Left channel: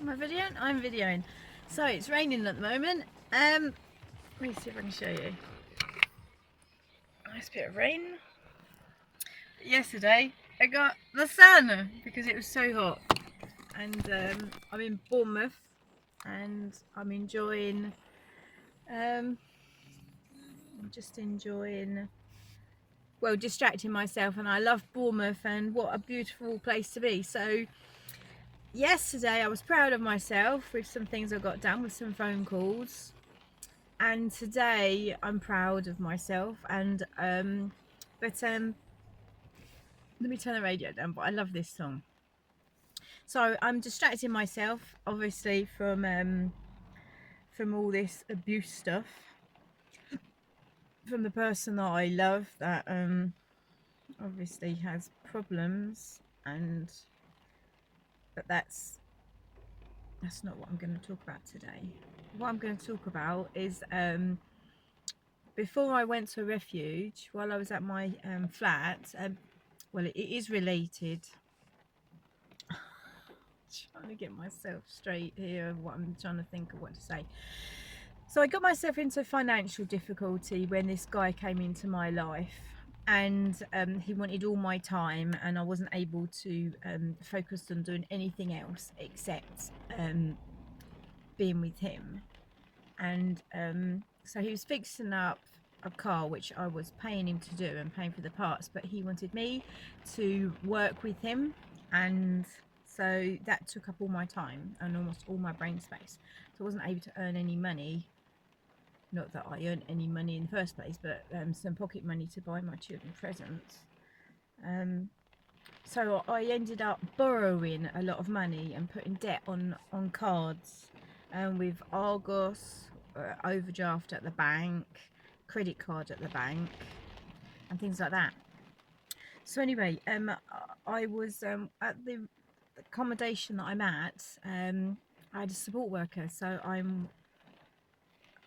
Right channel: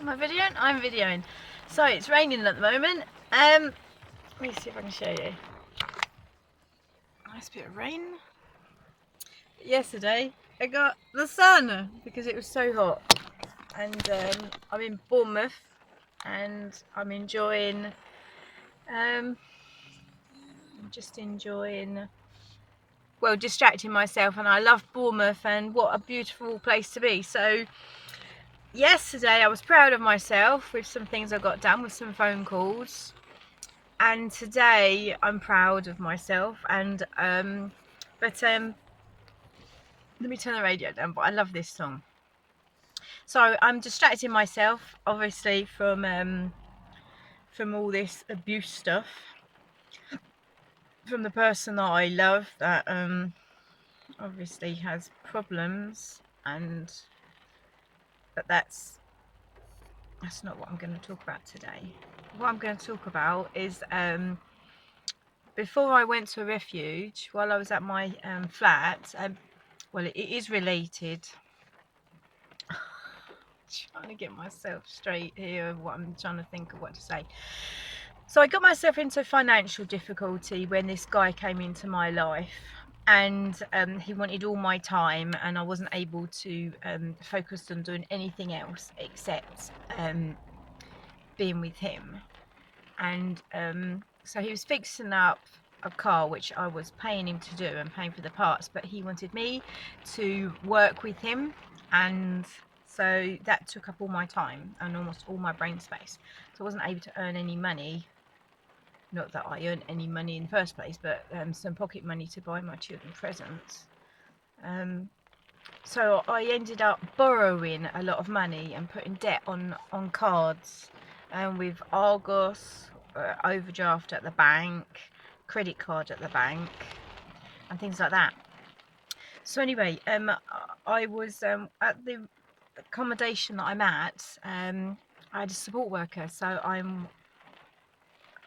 Am I videoing? I'm videoing. So it's raining at the moment. Let me see if I can show you. Nice bit of rain. But yesterday I got the sun because it was so hot. And I'm in Bournemouth and I'm enjoying, just enjoying, well, distracting myself. And I love Bournemouth and what a beautiful place to be. So yesterday I was proud of myself with some things I got done with some phone calls. And today I'm proud of myself and let me turn the radio down, but I love this song. So I'm distracting myself obviously from all this abuse stuff from the person that I love that obviously has problems, and but that's not what I'm going to talk about today. What I'm going to talk about is before I went to a refuge, while I was at my flat, well, it is related. Trying to get myself straight here, what I'm trying to think of what to say. So I got myself into financial difficulty when this guy came into my life, and he wanted all my time, and I wasn't able to focus on doing anything else except being with him. And so he was fixing up a car which I was paying him to do and paying for the parts, but he wanted me to work with him, and so that took up all my time and almost all my brain space. So I wasn't able to earn any money. Not that I earned any money in the first place, but some pocket money to buy my children presents. So I ended up borrowing a lot of money and putting debt on cards, and with Argos, overdraft at the bank, credit card at the bank, and things like that. So anyway, I was at the accommodation that I'm at. I had a support worker,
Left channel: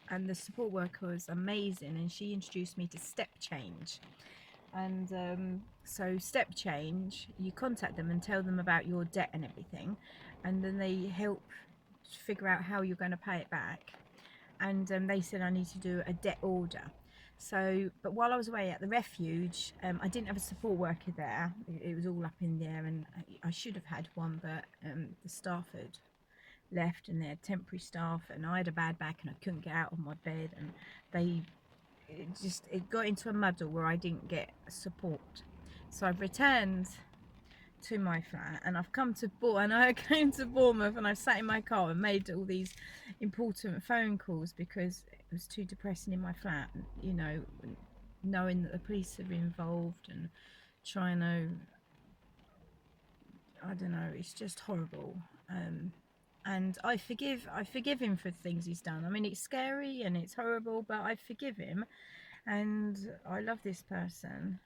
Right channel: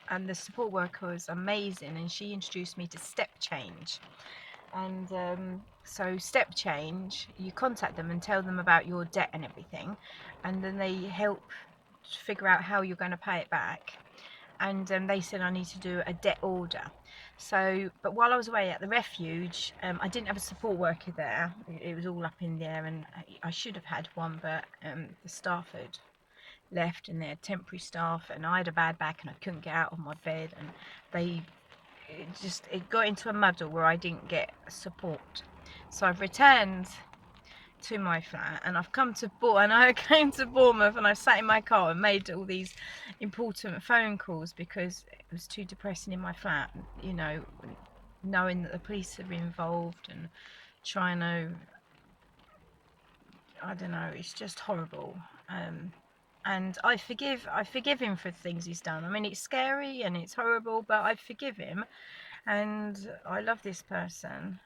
and the support worker was amazing, and she introduced me to Stepchange. And so Stepchange, you contact them and tell them about your debt and everything, and then they help figure out how you're going to pay it back. And they said I need to do a debt order. So, but while I was away at the refuge, I didn't have a support worker there. It was all up in the air, and I should have had one, but the staff had left, and they had temporary staff, and I had a bad back and I couldn't get out of my bed, and it got into a muddle where I didn't get support. So I've returned to my flat, and I've come to and I came to Bournemouth, and I sat in my car and made all these important phone calls because it was too depressing in my flat, you know, knowing that the police are involved and trying to, I don't know, it's just horrible. And I forgive him for the things he's done. I mean, it's scary and it's horrible, but I forgive him, and I love this person.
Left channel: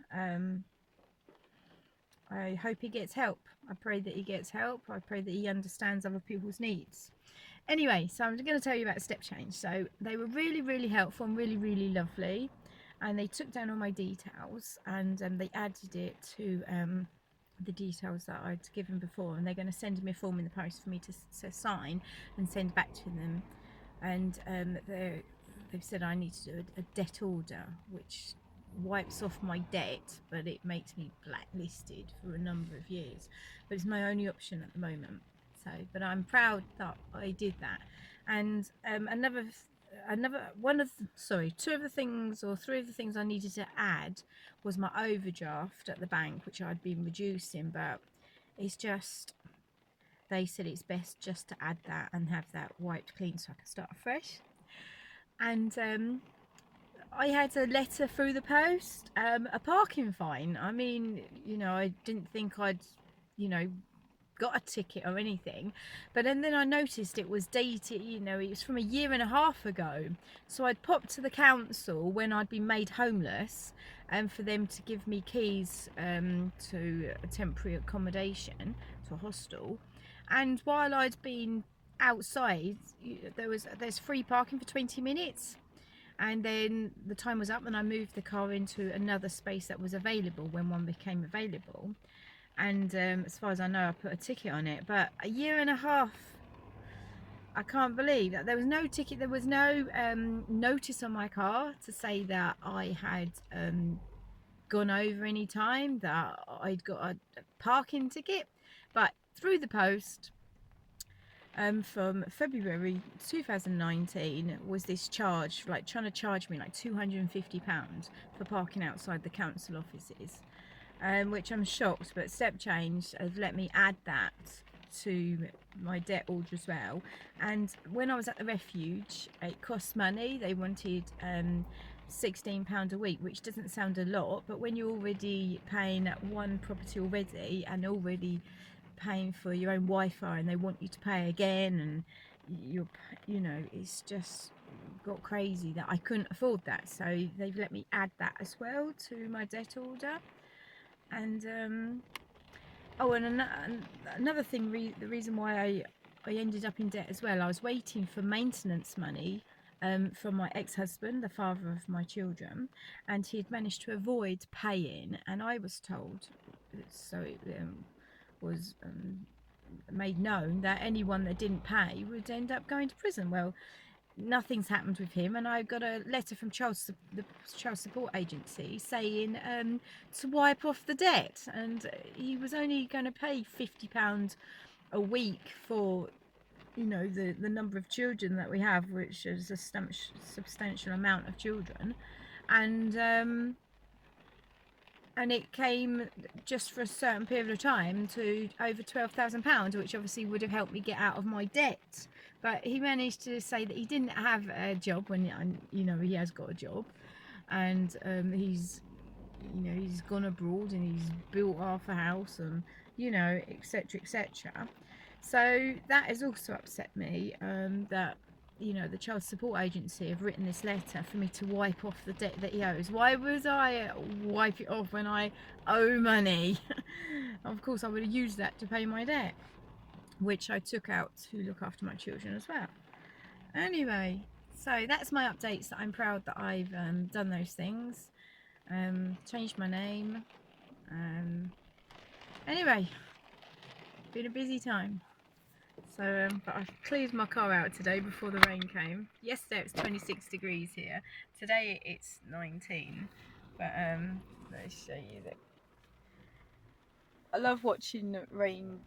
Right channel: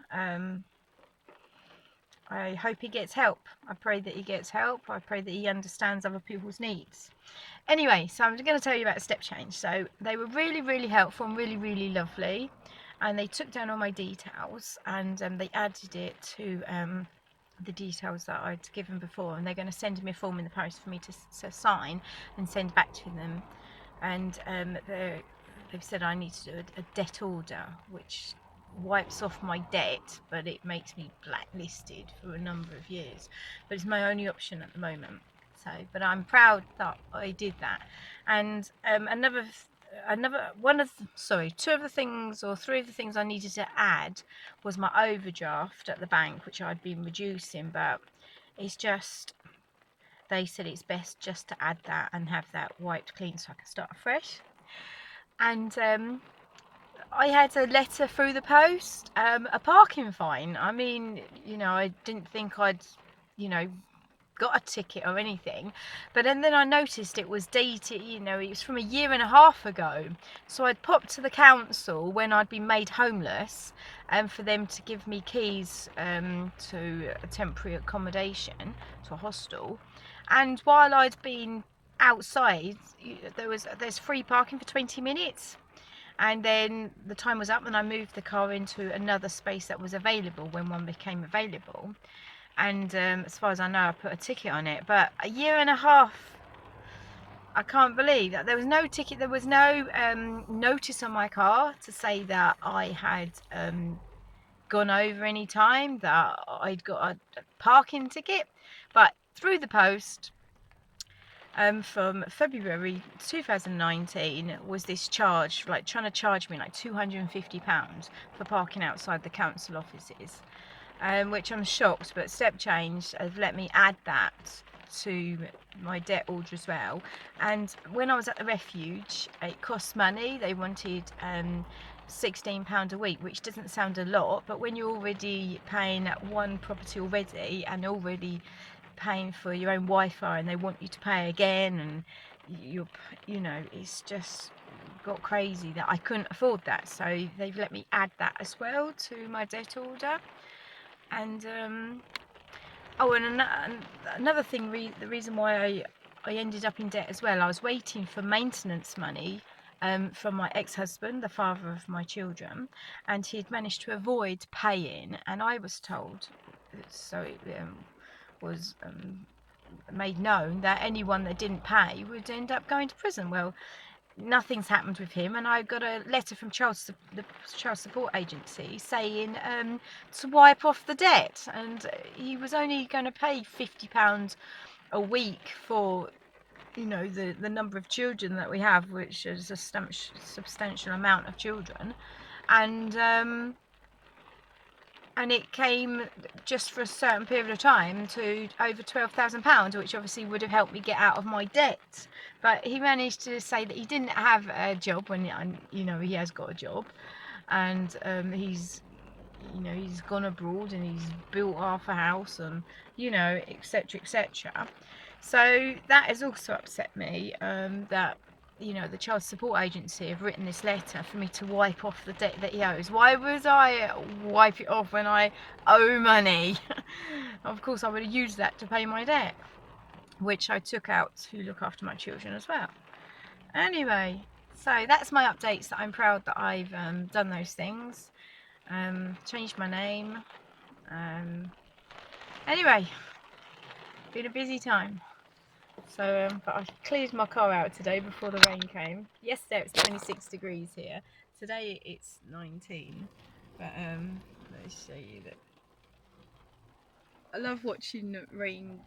I hope he gets help. I pray that he gets help. I pray that he understands other people's needs. Anyway, so I'm going to tell you about Stepchange. So they were really, really helpful and really, really lovely, and they took down all my details, and they added it to the details that I'd given before, and they're going to send me a form in the post for me to sign and send back to them. And they've said I need to do a debt order, which wipes off my debt, but it makes me blacklisted for a number of years. But it's my only option at the moment. So, but I'm proud that I did that. And two of the things, or three of the things I needed to add was my overdraft at the bank, which I'd been reducing, but it's just, they said it's best just to add that and have that wiped clean so I can start afresh. And I had a letter through the post, a parking fine. I mean, you know, I didn't think I'd, you know, got a ticket or anything, but then I noticed it was dated, you know, it was from a year and a half ago. So I'd popped to the council when I'd been made homeless, and for them to give me keys to a temporary accommodation, to a hostel. And while I'd been outside, there's free parking for 20 minutes. And then the time was up and I moved the car into another space that was available when one became available. And as far as I know, I put a ticket on it. But a year and a half I can't believe that there was no ticket, there was no notice on my car to say that I had gone over any time, that I'd got a parking ticket. But through the post, from February 2019 was this charge, like trying to charge me like £250 for parking outside the council offices, which I'm shocked, but Stepchange have let me add that to my debt order as well. And when I was at the refuge, it cost money. They wanted £16 a week, which doesn't sound a lot, but when you're already paying one property already and already paying for your own Wi-Fi and they want you to pay again, and you know, it's just got crazy that I couldn't afford that, so they've let me add that as well to my debt order. And oh, and another thing, the reason why I ended up in debt as well, I was waiting for maintenance money from my ex-husband, the father of my children, and he had managed to avoid paying, and I was told, so it was made known that anyone that didn't pay would end up going to prison. Well, nothing's happened with him, and I got a letter from the child support agency saying to wipe off the debt, and he was only going to pay £50 a week for, you know, the number of children that we have, which is a substantial amount of children, and it came just for a certain period of time to over £12,000, which obviously would have helped me get out of my debt. But he managed to say that he didn't have a job when, you know, he has got a job, and he's, you know, he's gone abroad and he's built half a house, and, you know, etc, etc. So that has also upset me, that, you know, the child support agency have written this letter for me to wipe off the debt that he owes. Why would I wipe it off when I owe money? Of course I would have used that to pay my debt, which I took out to look after my children as well. Anyway, so that's my updates, that I'm proud that I've done those things, changed my name. Anyway, been a busy time. So, but I cleared my car out today before the rain came. Yesterday it was 26 degrees here. Today it's 19. But let's show you that. I love watching the rain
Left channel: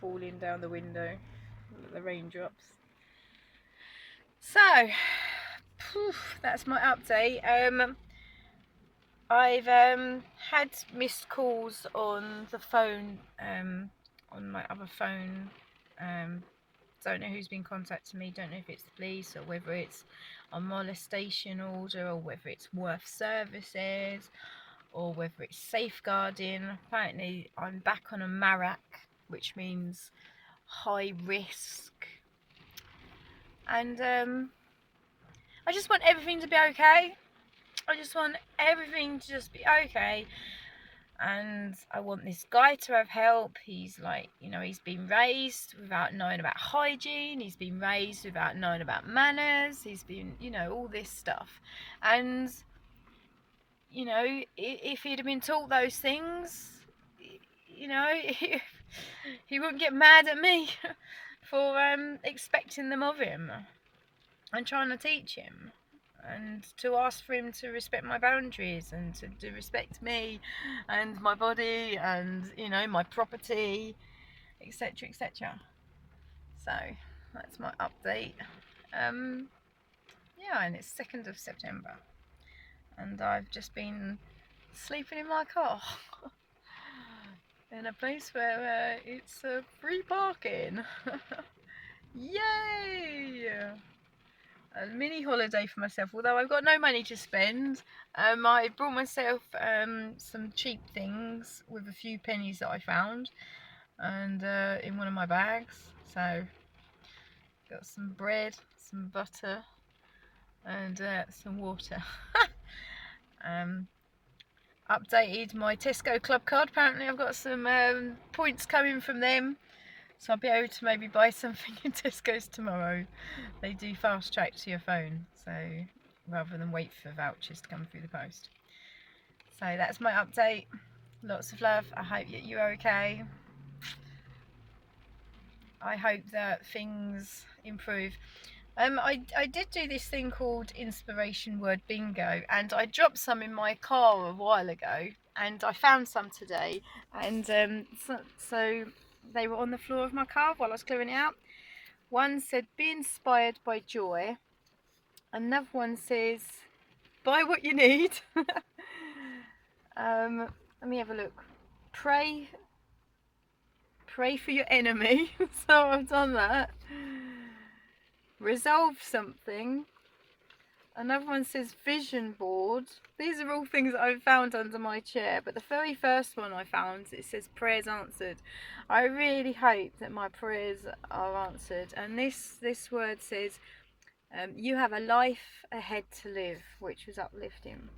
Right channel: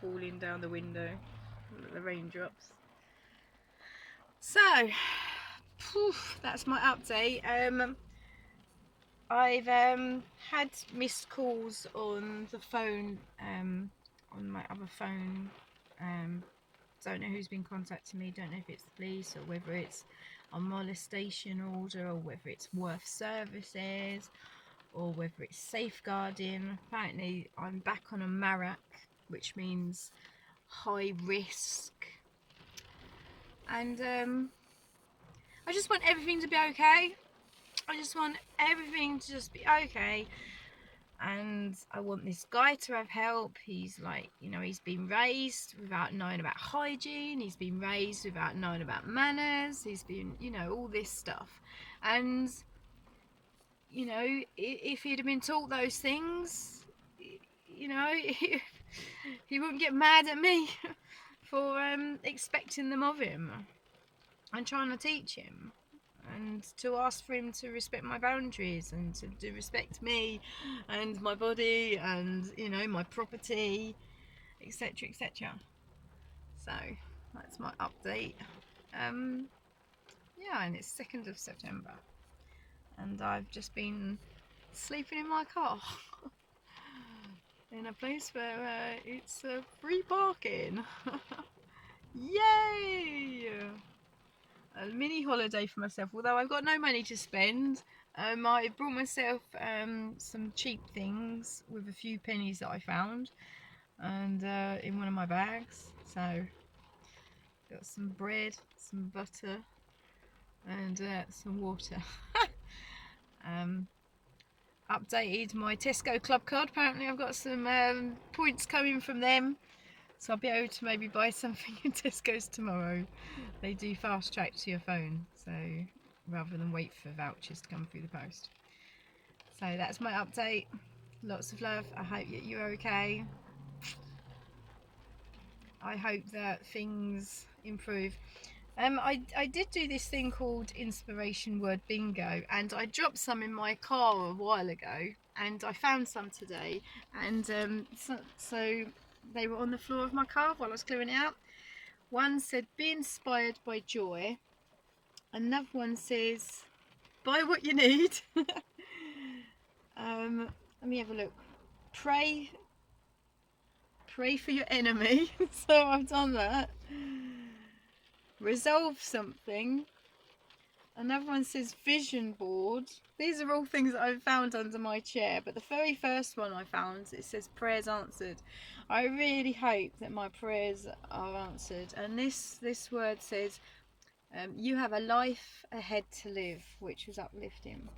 falling down the window, the raindrops. So, that's my update. I've had missed calls on the phone, on my other phone. Don't know who's been contacting me, don't know if it's the police or whether it's a molestation order or whether it's worth services or whether it's safeguarding. Apparently I'm back on a MARAC, which means high risk, and I just want everything to be okay. I just want everything to just be okay. And I want this guy to have help. He's like, you know, he's been raised without knowing about hygiene. He's been raised without knowing about manners. He's been, you know, all this stuff. And, you know, if he'd have been taught those things, you know, he wouldn't get mad at me for expecting them of him and trying to teach him, and to ask for him to respect my boundaries and to respect me and my body and, you know, my property, etc, etc. So that's my update. Yeah, and it's 2nd of September and I've just been sleeping in my car in a place where it's free parking. Yay! A mini holiday for myself, although I've got no money to spend. I brought myself some cheap things with a few pennies that I found, and in one of my bags. So got some bread, some butter, and some water. Updated my Tesco club card. Apparently I've got some points coming from them, so I'll be able to maybe buy something in Tesco's tomorrow. They do fast track to your phone, so rather than wait for vouchers to come through the post. So that's my update. Lots of love. I hope you're okay. I hope that things improve. I did do this thing called inspiration word bingo, and I dropped some in my car a while ago, and I found some today, and so they were on the floor of my car while I was clearing it out. One said, be inspired by joy. Another one says, buy what you need. Let me have a look. Pray for your enemy. So I've done that. Resolve something. Another one says vision board. These are all things that I've found under my chair, but the very first one I found, it says prayers answered. I really hope that my prayers are answered. And this word says, you have a life ahead to live, which was uplifting.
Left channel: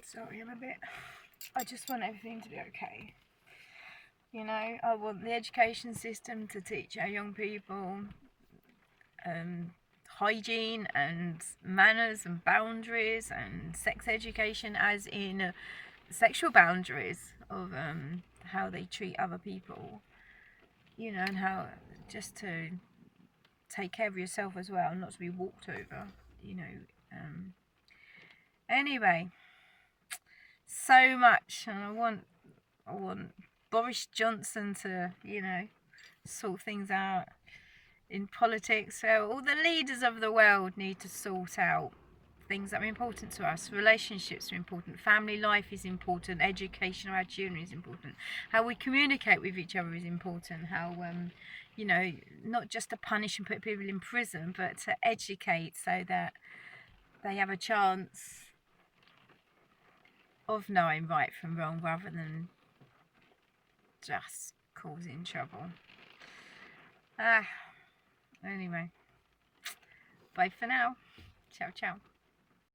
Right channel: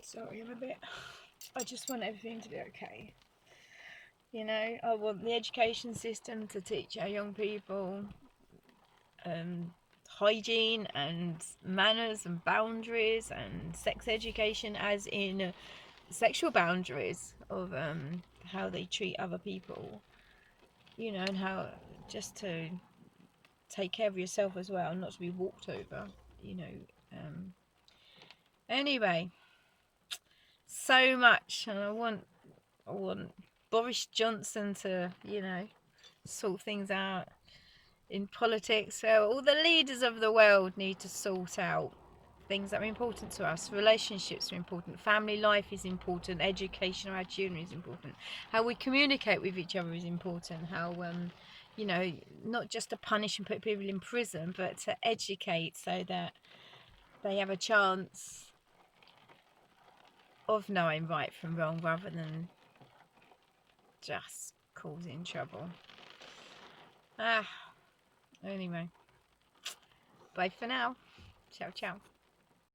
Sorry, I just want everything to be okay. You know, I want the education system to teach our young people hygiene and manners and boundaries, and sex education as in sexual boundaries of how they treat other people, you know, and how just to take care of yourself as well, not to be walked over, you know. Anyway, so much, and I want Boris Johnson to, you know, sort things out in politics. So all the leaders of the world need to sort out things that are important to us. Relationships are important, family life is important, education of our children is important, how we communicate with each other is important, how you know, not just to punish and put people in prison, but to educate so that they have a chance of knowing right from wrong rather than just causing trouble. Anyway, bye for now. Ciao ciao.